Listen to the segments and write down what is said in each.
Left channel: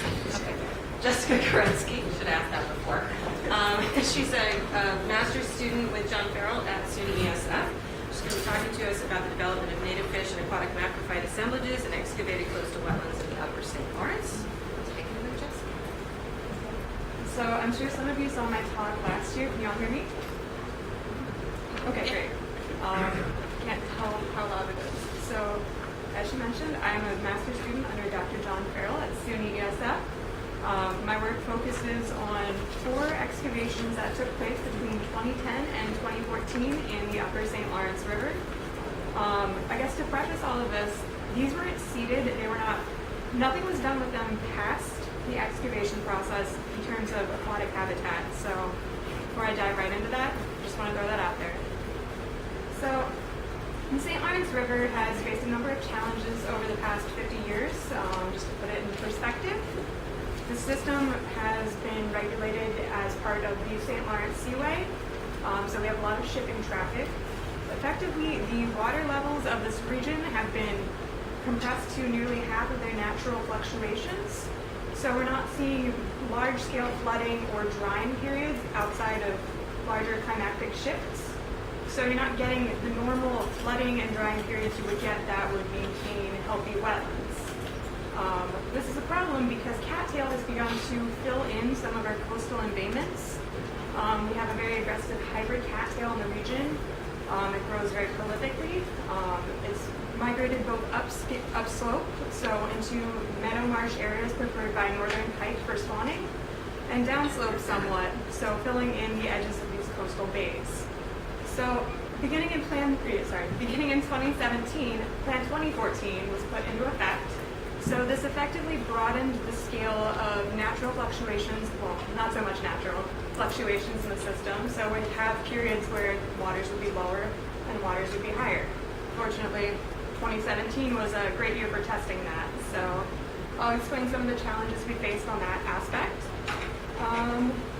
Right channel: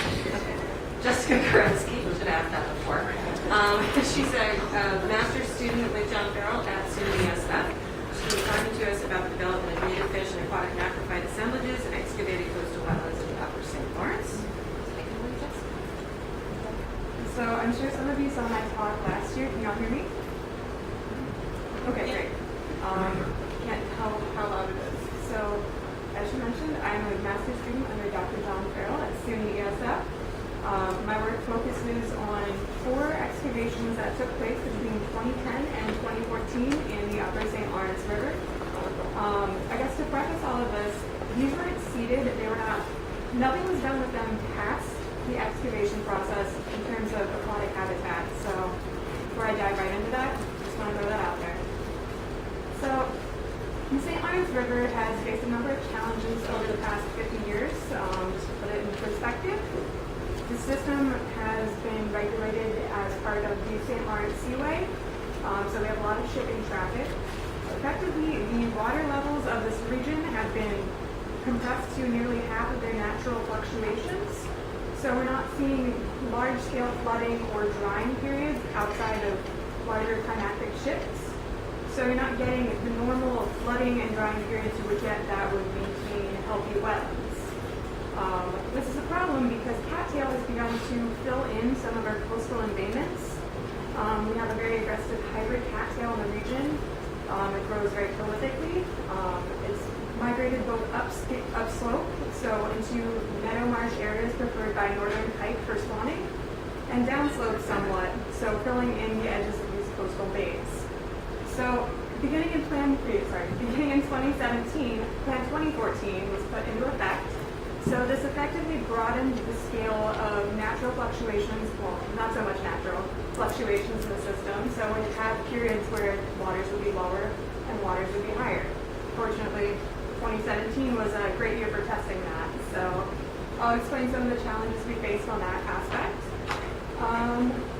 Okay. Jessica Goretzke, we should have asked that before. She's a master's student with John Farrell at SUNY ESF. She's going to be talking to us about the development of native fish and aquatic macrophyte assemblages and excavated coastal wetlands in the upper St. Lawrence. Take it away, Jessica. So I'm sure some of you saw my talk last year. Can you all hear me? Okay, Yeah. great. Can't tell how loud it is. So, as she mentioned, I am a master's student under Dr. John Farrell at SUNY ESF. My work focuses on 4 excavations that took place between 2010 and 2014 in the upper St. Lawrence River. I guess to preface all of this, these weren't seeded. Nothing was done with them past the excavation process in terms of aquatic habitat. So before I dive right into that, just want to throw that out there. So the St. Lawrence River has faced a number of challenges over the past 50 years. Just to put it in perspective, the system has been regulated as part of the St. Lawrence Seaway, so we have a lot of shipping traffic. Effectively, the water levels of this region have been compressed to nearly half of their natural fluctuations. So we're not seeing large-scale flooding or drying periods outside of larger climactic shifts. So you're not getting the normal flooding and drying periods you would get that would maintain healthy wetlands. This is a problem because cattail has begun to fill in some of our coastal embayments. We have a very aggressive hybrid cattail in the region. It grows very prolifically. It's migrated both upslope, so into meadow marsh areas preferred by northern pike for spawning, and downslope somewhat, so filling in the edges of these coastal bays. So beginning in 2017, Plan 2014 was put into effect. So this effectively broadened the scale of natural fluctuations, well, not so much natural fluctuations in the system. So we'd have periods where waters would be lower and waters would be higher. Fortunately, 2017 was a great year for testing that. So I'll explain some of the challenges we faced on that aspect.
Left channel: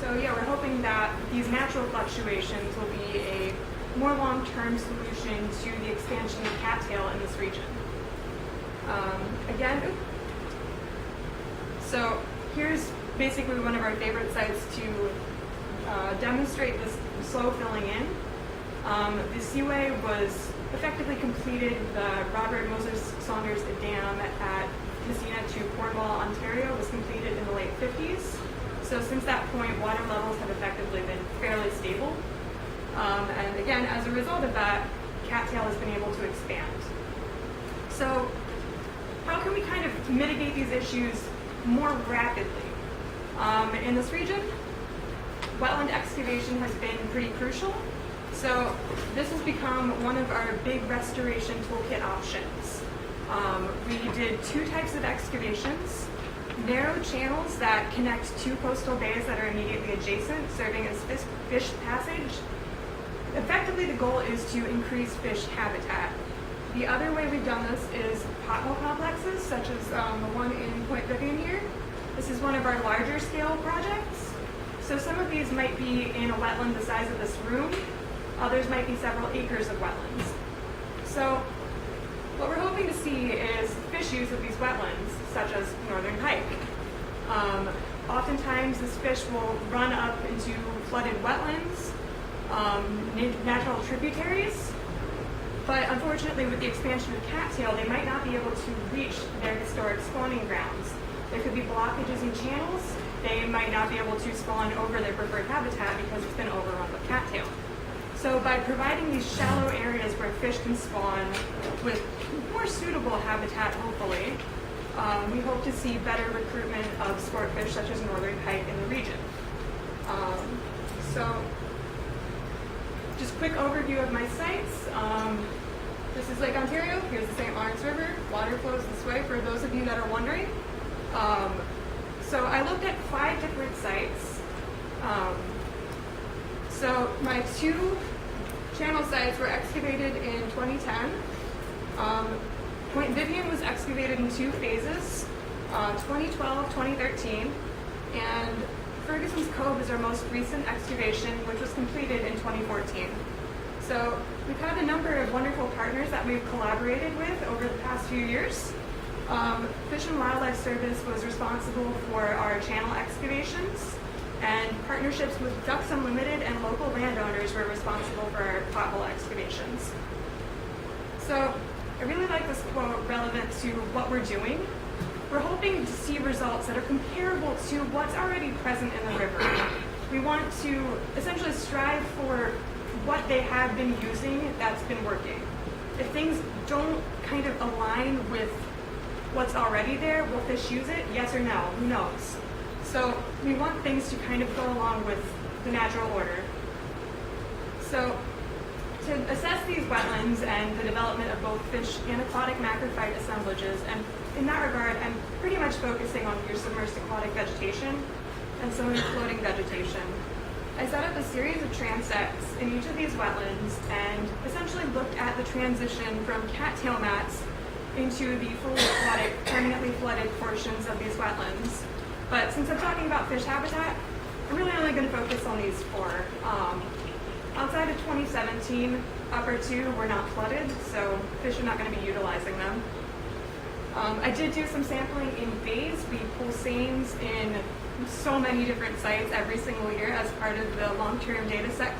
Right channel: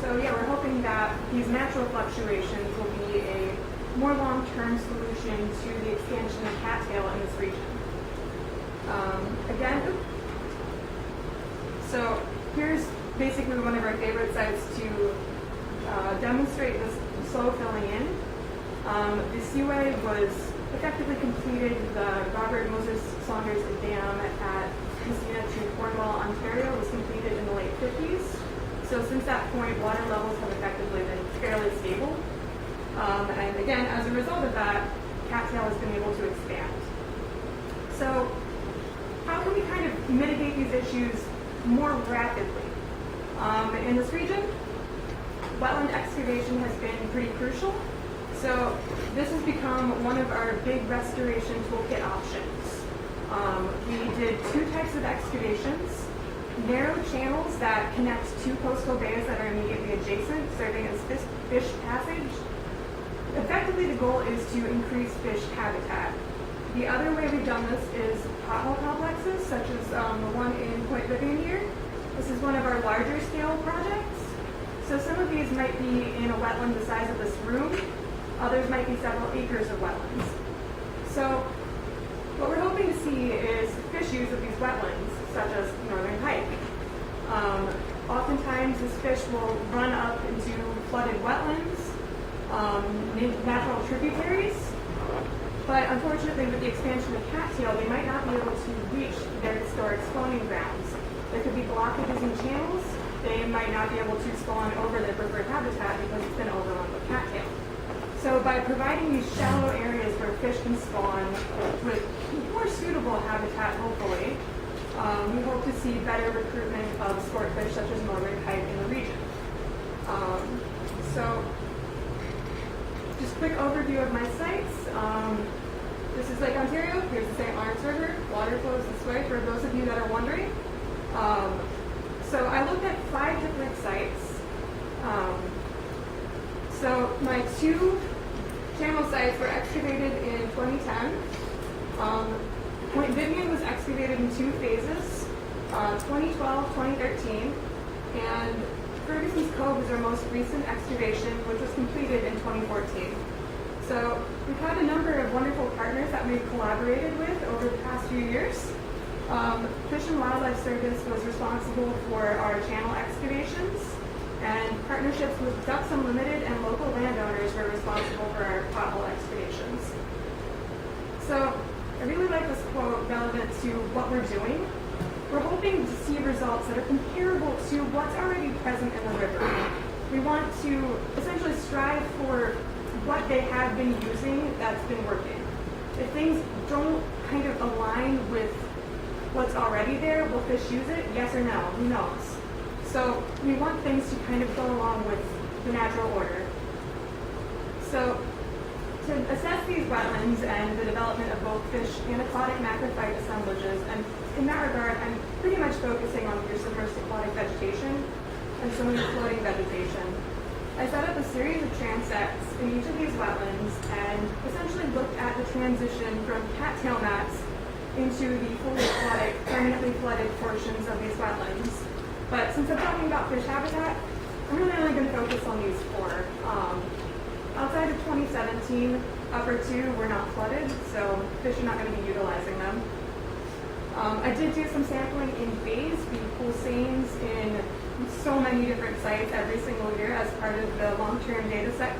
So yeah, we're hoping that these natural fluctuations will be a more long-term solution to the expansion of cattail in this region. So here's basically one of our favorite sites to demonstrate this slow filling in. The seaway was effectively completed. The Robert Moses Saunders Dam at Messina to Cornwall, Ontario was completed in the late 50s. So since that point, water levels have effectively been fairly stable. And again, as a result of that, cattail has been able to expand. So how can we kind of mitigate these issues more rapidly? In this region, wetland excavation has been pretty crucial. So this has become one of our big restoration toolkit options. We did 2 types of excavations: narrow channels that connect 2 coastal bays that are immediately adjacent, serving as fish passage. Effectively, the goal is to increase fish habitat. The other way we've done this is pothole complexes, such as the one in Point Vivian here. This is one of our larger scale projects. So some of these might be in a wetland the size of this room. Others might be several acres of wetlands. So what we're hoping to see is fish use of these wetlands, such as northern pike. Oftentimes this fish will run up into flooded wetlands, natural tributaries, but unfortunately with the expansion of cattail, they might not be able to reach their historic spawning grounds. There could be blockages in channels. They might not be able to spawn over their preferred habitat because it's been overrun with cattail. So by providing these shallow areas where fish can spawn with more suitable habitat, hopefully, we hope to see better recruitment of sport fish such as northern pike in the region. So just quick overview of my sites. This is Lake Ontario. Here's the St. Lawrence River. Water flows this way for those of you that are wondering. So I looked at 5 different sites. So my 2 channel sites were excavated in 2010. Point Vivian was excavated in 2 phases, 2012, 2013, and Ferguson's Cove is our most recent excavation, which was completed in 2014. So we've had a number of wonderful partners that we've collaborated with over the past few years. Fish and Wildlife Service was responsible for our channel excavations, and partnerships with Ducks Unlimited and local landowners were responsible for our pothole excavations. So I really like this quote relevant to what we're doing. We're hoping to see results that are comparable to what's already present in the river. We want to essentially strive for what they have been using that's been working. If things don't kind of align with what's already there, will fish use it? Yes or no? Who knows? So we want things to kind of go along with the natural order. So to assess these wetlands and the development of both fish and aquatic macrophyte assemblages, and in that regard, I'm pretty much focusing on your submersed aquatic vegetation and some of the floating vegetation. I set up a series of transects in each of these wetlands and essentially looked at the transition from cattail mats into the fully aquatic, permanently flooded portions of these wetlands. But since I'm talking about fish habitat, I'm really only going to focus on these four. Outside of 2017, upper two were not flooded, so fish are not going to be utilizing them. I did do some sampling in bays. We pull seines in so many different sites every single year as part of the long-term data set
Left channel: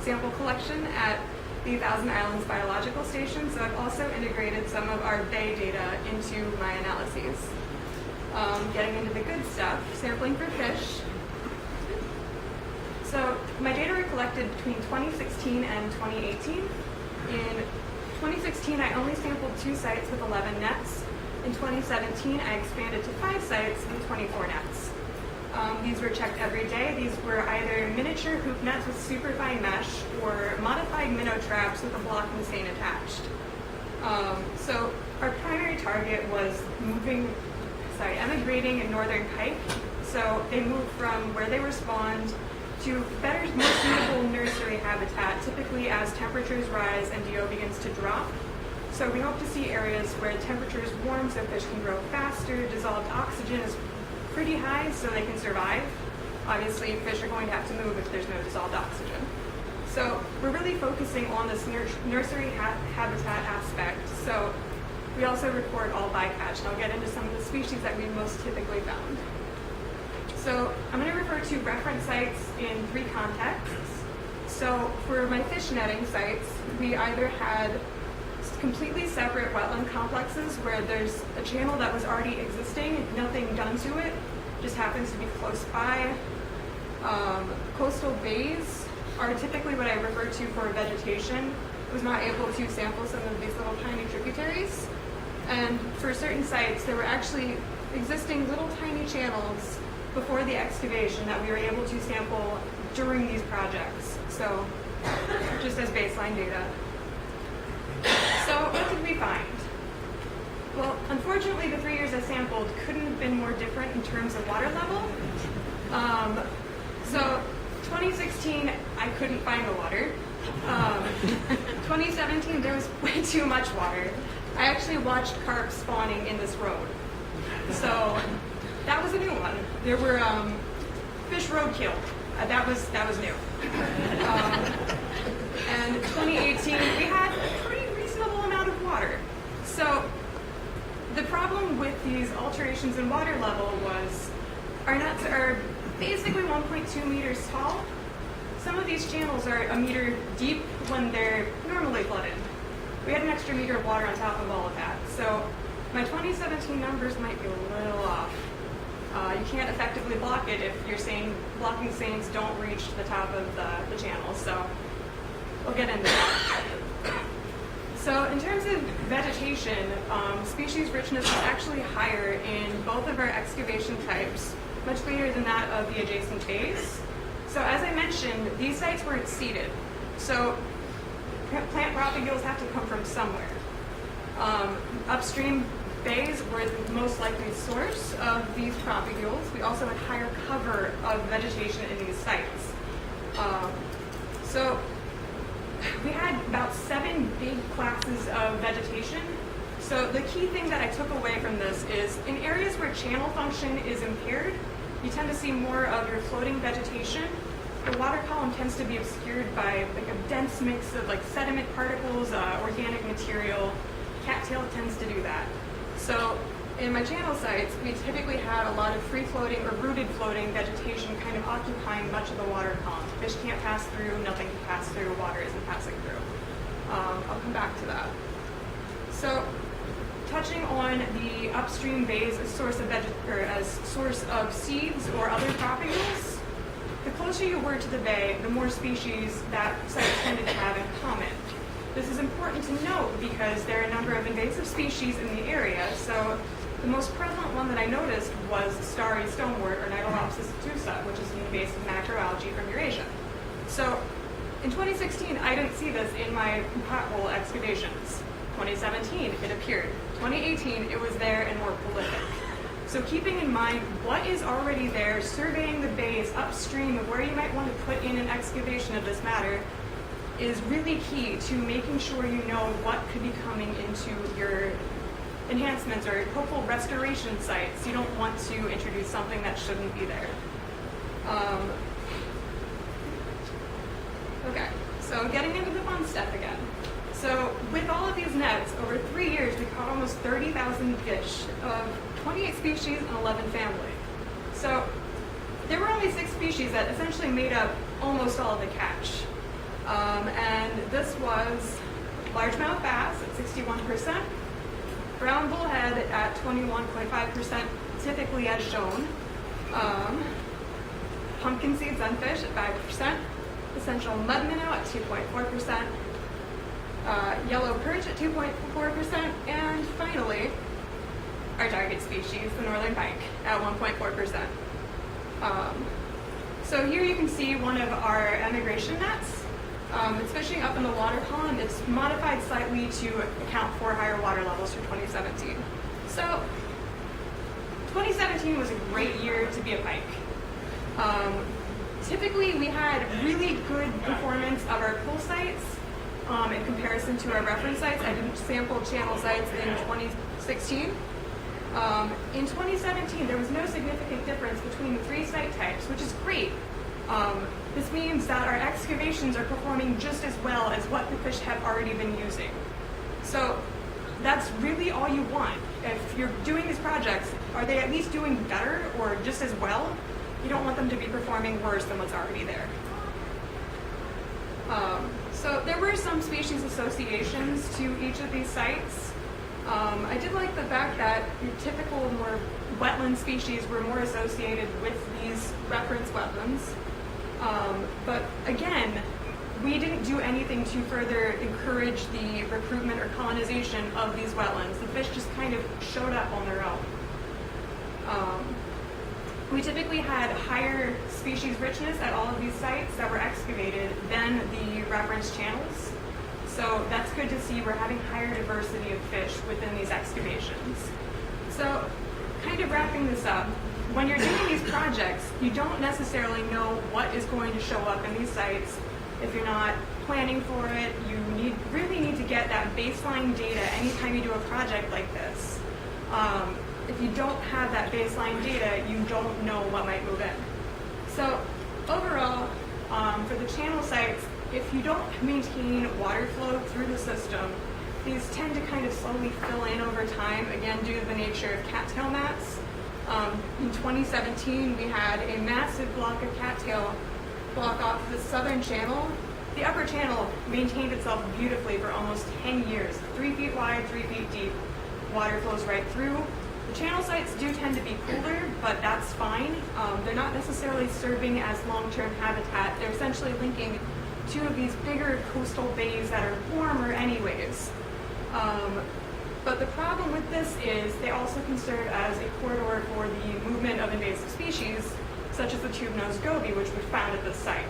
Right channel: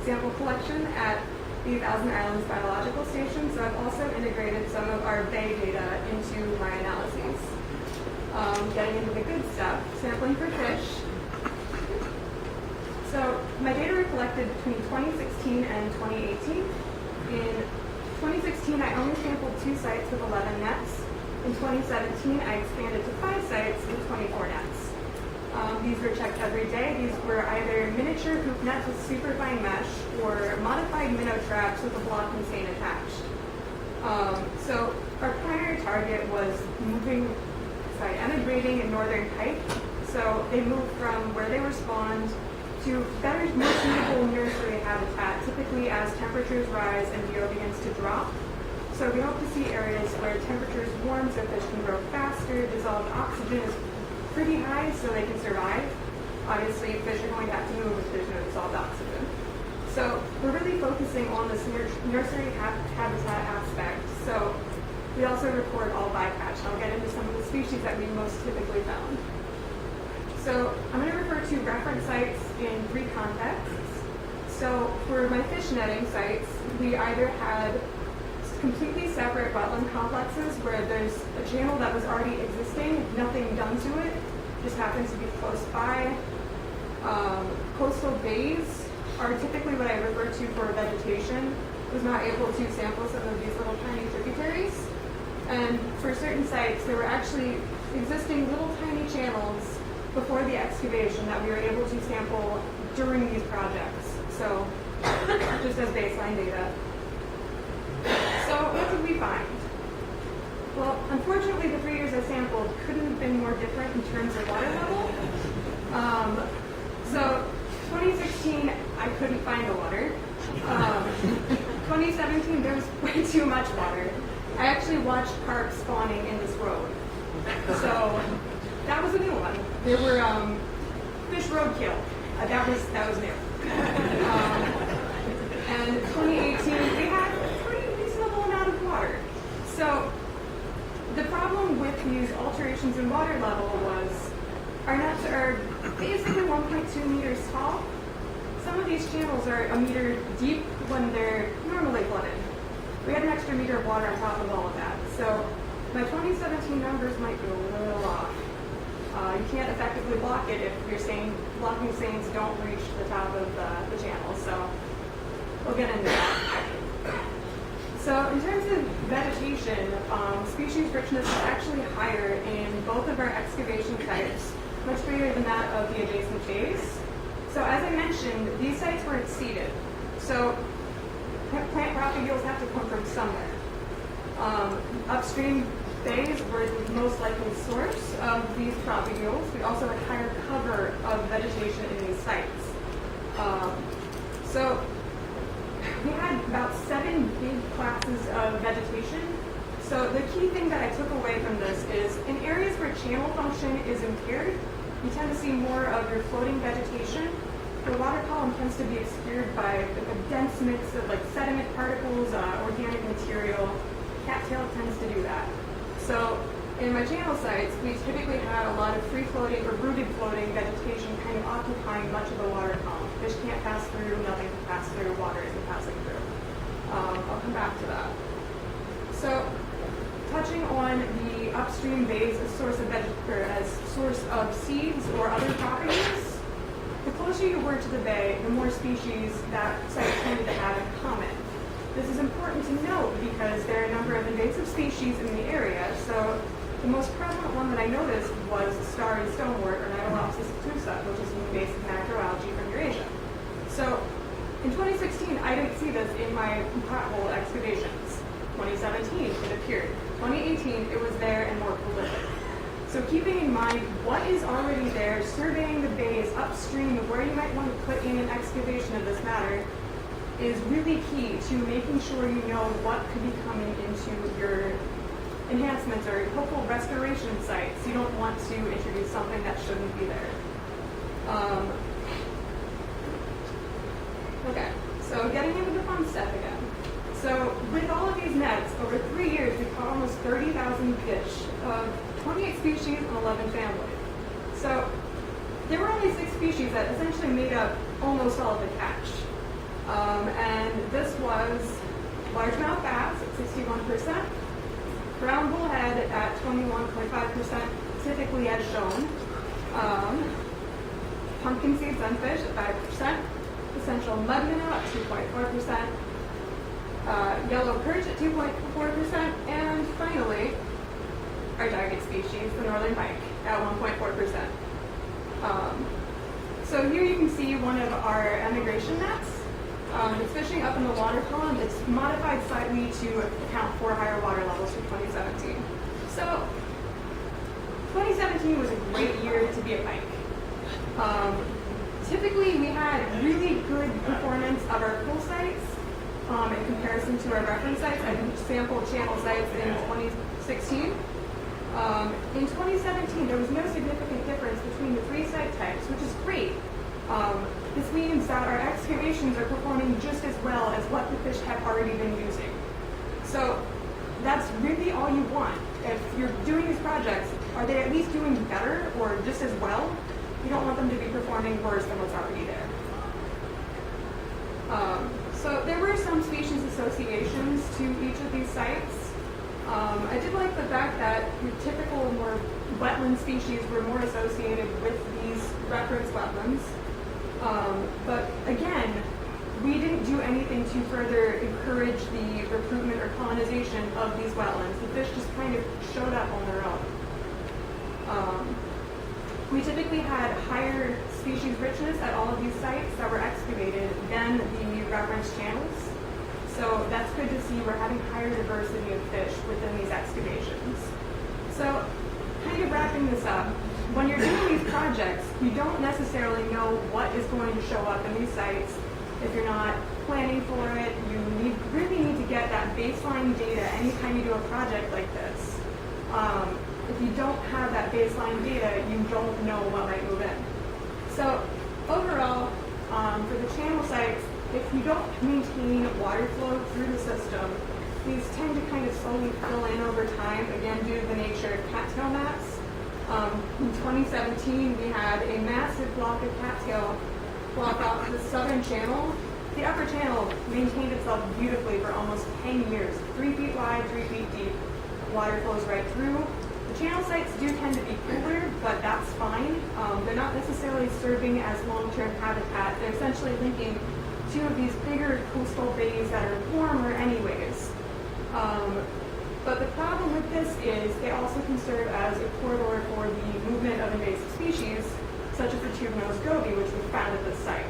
sample collection at the Thousand Islands Biological Station. So I've also integrated some of our bay data into my analyses. Getting into the good stuff, sampling for fish. So my data were collected between 2016 and 2018. In 2016, I only sampled 2 sites with 11 nets. In 2017, I expanded to 5 sites with 24 nets. These were checked every day. These were either miniature hoop nets with superfine mesh or modified minnow traps with a blocking seine attached. So our primary target was emigrating in northern Pike. So they moved from where they were spawned to better, more suitable nursery habitat, typically as temperatures rise and DO begins to drop. So we hope to see areas where temperatures warm so fish can grow faster, dissolved oxygen is pretty high so they can survive. Obviously, fish are going to have to move if there's no dissolved oxygen. So we're really focusing on this nursery habitat aspect. So we also record all bycatch, and I'll get into some of the species that we most typically found. So I'm going to refer to reference sites in 3 contexts. So for my fish netting sites, we either had completely separate wetland complexes where there's a channel that was already existing, nothing done to it, just happens to be close by. Coastal bays are typically what I refer to for vegetation. I was not able to sample some of these little tiny tributaries. And for certain sites, there were actually existing little tiny channels before the excavation that we were able to sample during these projects. So just as baseline data. So what did we find? Well, unfortunately, the 3 years I sampled couldn't have been more different in terms of water level. So 2016, I couldn't find the water. 2017, there was way too much water. I actually watched carp spawning in this road. So that was a new one. There were fish roadkill. That was new. And 2018, we had a pretty reasonable amount of water. So the problem with these alterations in water level was our nets are basically 1.2 meters tall. Some of these channels are a meter deep when they're normally flooded. We had an extra meter of water on top of all of that. So my 2017 numbers might be a little off. You can't effectively block it if you're saying blocking seines don't reach the top of the channel. So we'll get into that. So in terms of vegetation, species richness is actually higher in both of our excavation types, much greater than that of the adjacent bays. So as I mentioned, these sites were seeded. So plant propagules have to come from somewhere. Upstream bays were the most likely source of these propagules. We also had higher cover of vegetation in these sites. So we had about 7 big classes of vegetation. So the key thing that I took away from this is in areas where channel function is impaired, you tend to see more of your floating vegetation. The water column tends to be obscured by like a dense mix of like sediment particles, organic material. Cattail tends to do that. So in my channel sites, we typically had a lot of free-floating or rooted floating vegetation kind of occupying much of the water column. Fish can't pass through, nothing can pass through, water isn't passing through. I'll come back to that. So, touching on the upstream bays as source of seeds or other properties, the closer you were to the bay, the more species that site tended to have in common. This is important to note because there are a number of invasive species in the area. So the most prevalent one that I noticed was starry stonewort, or Nidolopsis obtusa, which is an invasive macroalgae from Eurasia. So in 2016, I didn't see this in my pothole excavations. 2017, it appeared. 2018, it was there and more prolific. So keeping in mind what is already there, surveying the bays upstream of where you might want to put in an excavation of this matter is really key to making sure you know what could be coming into your enhancements or hopeful restoration sites. You don't want to introduce something that shouldn't be there. Okay, so getting into the fun stuff again. So with all of these nets, over 3 years, we caught almost 30,000 fish of 28 species and 11 family. So there were only 6 species that essentially made up almost all of the catch. And this was largemouth bass at 61%, brown bullhead at 21.5%, typically as shown, pumpkin seed sunfish at 5%, essential mud minnow at 2.4%, yellow perch at 2.4%, and finally, our target species, the northern pike, at 1.4%. So here you can see one of our emigration nets. It's fishing up in the water column. It's modified slightly to account for higher water levels for 2017. So 2017 was a great year to be a pike. Typically, we had really good performance of our pool sites in comparison to our reference sites. I didn't sample channel sites in 2016. In 2017, there was no significant difference between the 3 site types, which is great. This means that our excavations are performing just as well as what the fish have already been using. So that's really all you want. If you're doing these projects, are they at least doing better or just as well? You don't want them to be performing worse than what's already there. So there were some species associations to each of these sites. I did like the fact that your typical more wetland species were more associated with these reference wetlands. But again, we didn't do anything to further encourage the recruitment or colonization of these wetlands. The fish just kind of showed up on their own. We typically had higher species richness at all of these sites that were excavated than the reference channels. So that's good to see. We're having higher diversity of fish within these excavations. So kind of wrapping this up, when you're doing these projects, you don't necessarily know what is going to show up in these sites. If you're not planning for it, you really need to get that baseline data anytime you do a project like this. If you don't have that baseline data, you don't know what might move in. So overall, for the channel sites, if you don't maintain water flow through the system, these tend to kind of slowly fill in over time, again, due to the nature of cattail mats. In 2017, we had a massive block of cattail block off the southern channel. The upper channel maintained itself beautifully for almost 10 years, 3 feet wide, 3 feet deep. Water flows right through. The channel sites do tend to be cooler, but that's fine. They're not necessarily serving as long-term habitat. They're essentially linking 2 of these bigger coastal bays that are warmer anyways. But the problem with this is they also can serve as a corridor for the movement of invasive species, such as the tube-nosed goby, which was found at this site,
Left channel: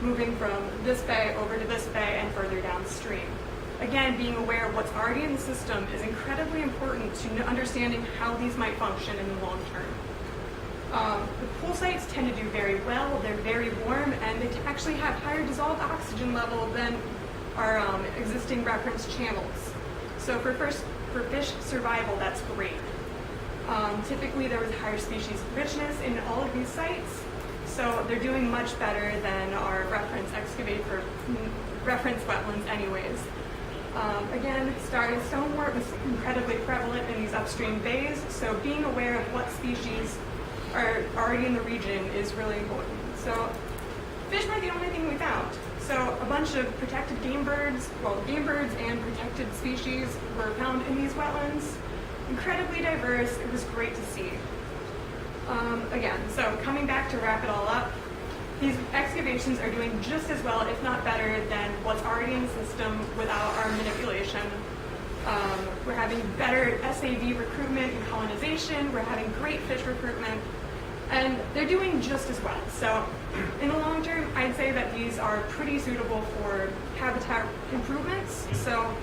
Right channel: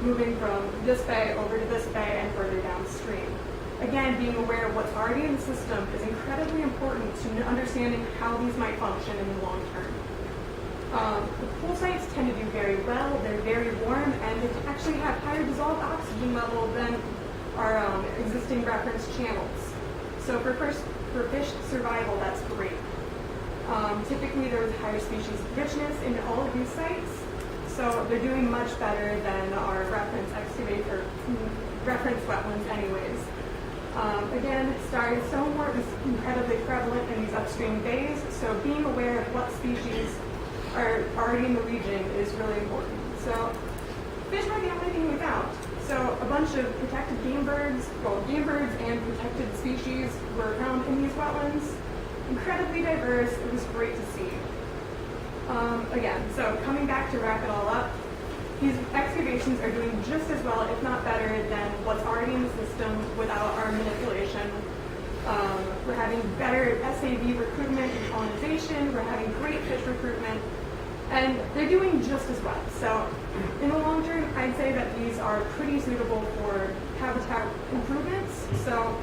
moving from this bay over to this bay and further downstream. Again, being aware of what's already in the system is incredibly important to understanding how these might function in the long term. The pool sites tend to do very well. They're very warm, and they actually have higher dissolved oxygen level than our existing reference channels. So for fish survival, that's great. Typically, there was higher species richness in all of these sites, so they're doing much better than our reference excavate or reference wetlands anyways. Again, starry stonewort is incredibly prevalent in these upstream bays, so being aware of what species are already in the region is really important. So fish weren't the only thing we found. So a bunch of protected game birds and protected species were found in these wetlands. Incredibly diverse, it was great to see. Again, so coming back to wrap it all up, these excavations are doing just as well, if not better, than what's already in the system without our manipulation. We're having better SAV recruitment and colonization, we're having great fish recruitment, and they're doing just as well. So in the long term, I'd say that these are pretty suitable for habitat improvements, so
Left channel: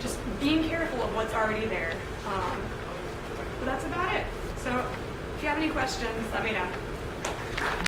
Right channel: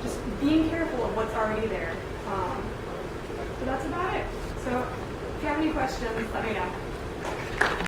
just being careful of what's already there. But that's about it. So if you have any questions, let me know.